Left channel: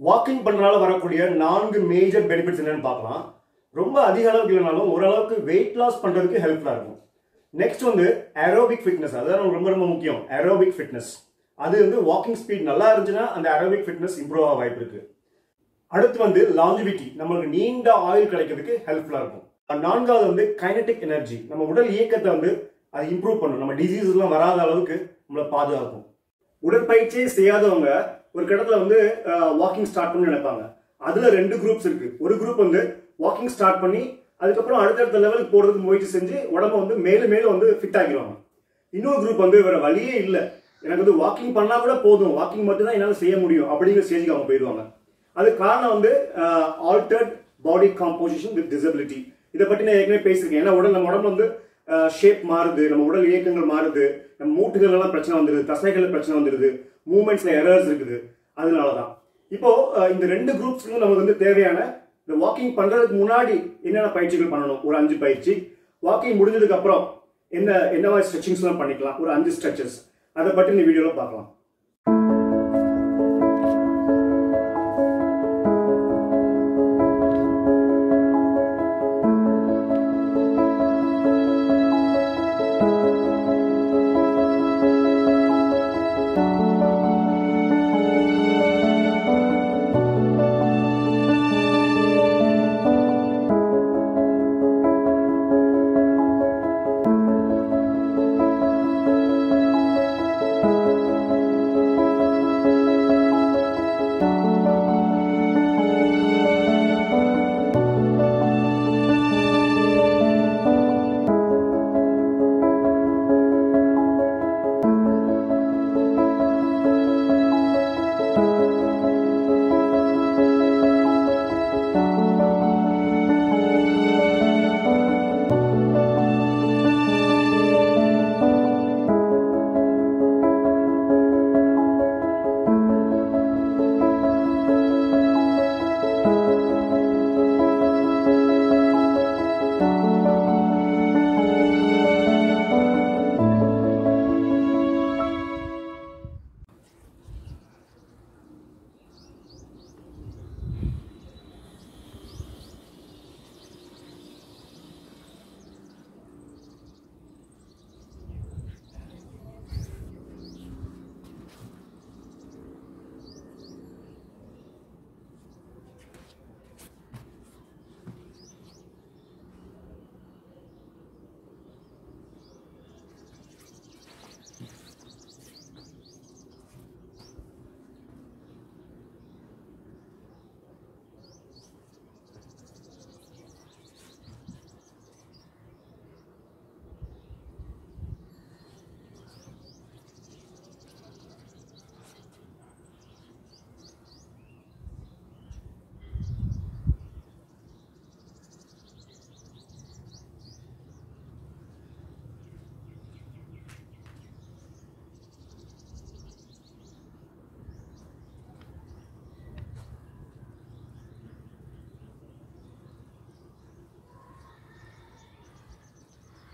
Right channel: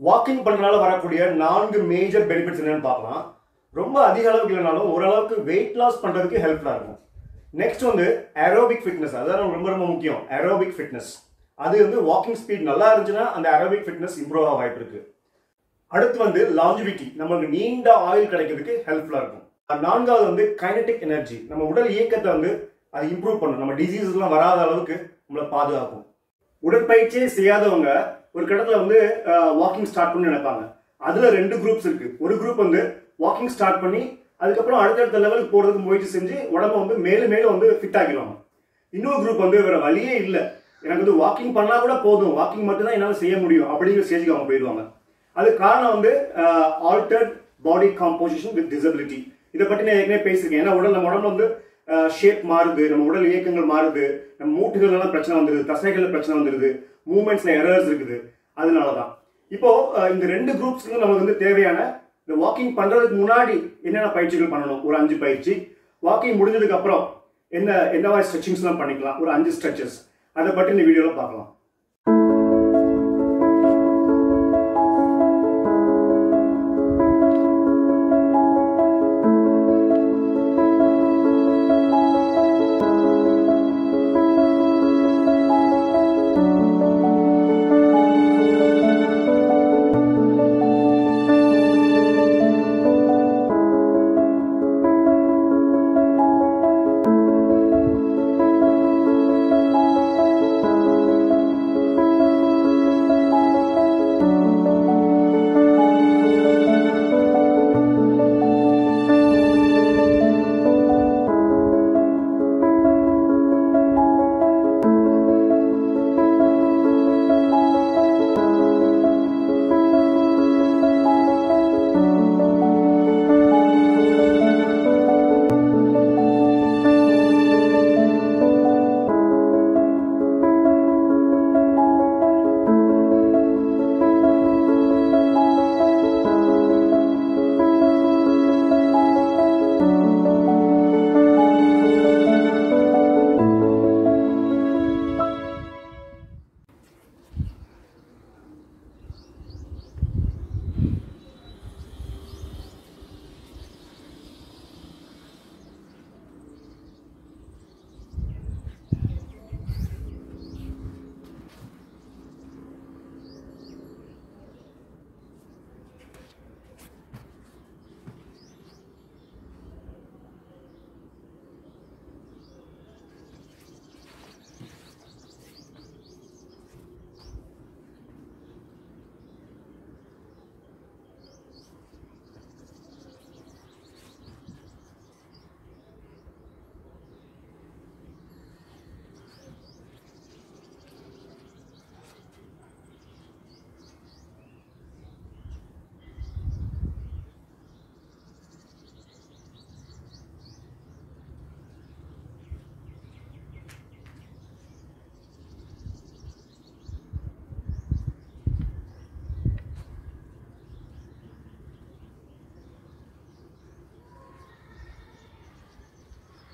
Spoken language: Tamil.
வாக்கிங் பண்றனால வரக்கூடிய 4 மேஜர் பெனிஃபிட்ஸ் என்னன்னு பார்க்கலாம். ரொம்ப அதிக அளவுக்கு இல்லைனாலும் ஓரளவுக்கு வெயிட் லாஸ் பண்றதுக்கு ஹெல்ப்ஃபுல்லா இருக்கும். நெக்ஸ்ட் வந்து ஏரோபிக் ஃபிட்னஸ், அதான் ரொம்ப ரொம்ப முக்கியம். ஏரோபிக் ஃபிட்னஸ் அது வந்து வாக்கிங் ஸ்பீட் நல்லா இருந்துச்சுன்னா அந்த ஏரோபிக் ஃபிட்னஸ் இம்ப்ரூவ் ஆக வாய்ப்பு இருக்கு. அடுத்து வந்து லாஞ்சிவிட்டி, நமக்கு நீண்ட ஆயுள் கிடைக்கிறதுக்கு ஹெல்ப்ஃபுல்லா இருக்கும். நான்காவது வந்து கைனடிக் எனர்ஜி, நம்ம உடல் இயக்கத்தை வந்து அது இம்ப்ரூவ் பண்ணும், நம்ம டிசீஸ்லாம் வராத அளவுக்கு நம்மளை பாதுகாக்கும். உடற்பயிற்சியே செய்யாதவங்க ஒரு கடத்துல வந்து வாக்கிங் ஸ்டார்ட் பண்ணி நினைப்பாங்க. அதுல 2 குரூப்ஸ் இருக்கு. ஒரு குரூப் வந்து வாக்கிங் ஸ்டார்ட் பண்ணி அதுக்கப்புறம் அடுத்தடுத்த லெவலுக்கு போறதுக்கு முயற்சி செஞ்சு உடம்ப வந்து மேலும் மேலும் வந்து ஃபிட் ஆக்கிடுவாங்க. இன்னொரு குரூப் வந்து வேற வழியே இல்லை, எனக்கு வந்து வாக்கிங் பண்ணா கூட போதும், வாக்கிங் மட்டும் தான் என்னால் செய்ய முடியும் அப்படிங்கிற ஸ்டேஜுக்கு அவங்க போயிடுவாங்க. அது காரணம் வந்து altered body composition with disability. இதை பற்றி நான் ஏற்கனவே பேசியிருக்கேன். ஏன்னா நம்ம உடம்புல வந்து ஷேப் மாறுது, நம்ம உடல் இயக்கங்கள் மாறுது, நம்ம மூட்டுகள் எல்லாம் பிரச்சனை வந்துருது, தசைகள் பிரச்சனை வந்துருது, மூவ்மெண்ட்ஸ்ல எரர்ஸ் இருக்குது. அதனாலதான் இப்போ இந்த 2 குரூப்ஸ்க்கு நமக்கு வந்து தேவையான இந்த வாக்கிங் பண்றதுக்கு முன்னாடி என்னென்ன பயிற்சிகள் பண்ணணும், ஒரு 5 பயிற்சி. வாக்கிங் முடிஞ்சதுக்கு அப்புறம் என்ன மாதிரி ஸ்ட்ரெச்சிங்ஸ் எல்லாம் பண்ணிக்கலாம், ஒரு 5 ஸ்ட்ரெச்சஸ். அதை பற்றி இந்த வீடியோல பார்க்கலாம்.